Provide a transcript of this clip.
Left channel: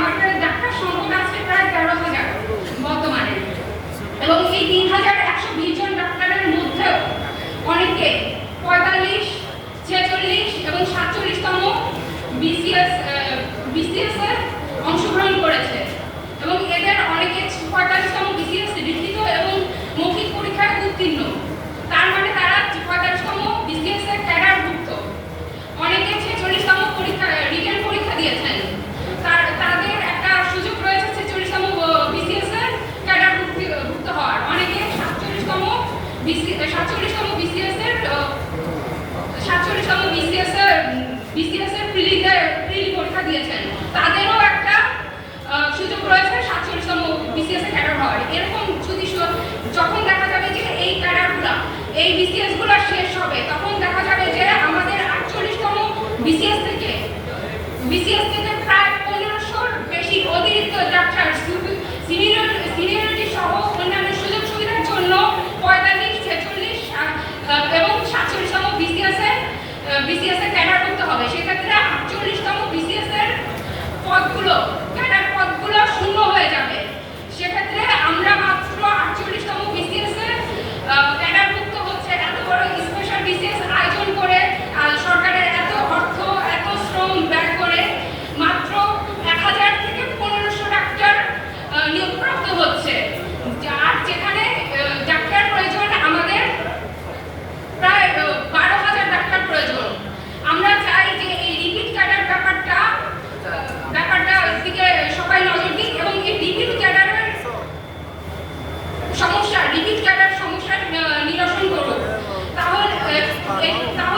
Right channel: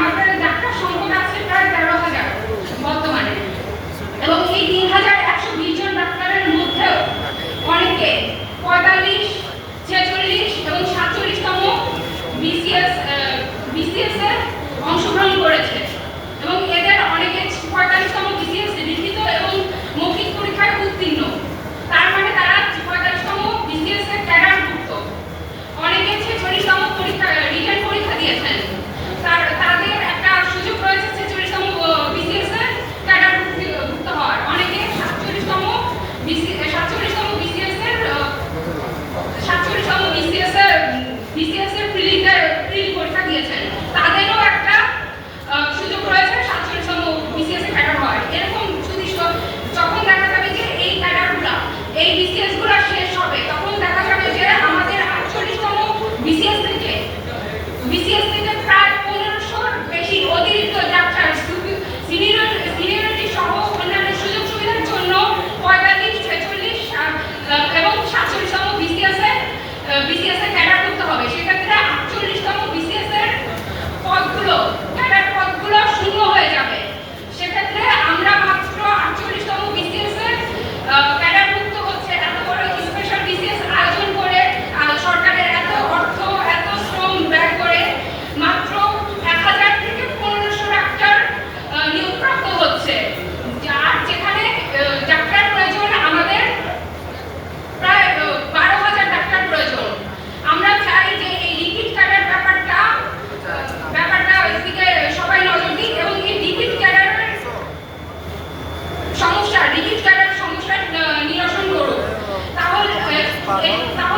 আমাদের প্রায় তেরো হাজার বর্তমানে। এই তিন হাজার একশো বিশ ক্যাডার করতে হবে। সেক্ষেত্রে আটচল্লিশতম বিসিএস এর পদগুলো ক্যাডার পদগুলো শূন্য பாருங்கள்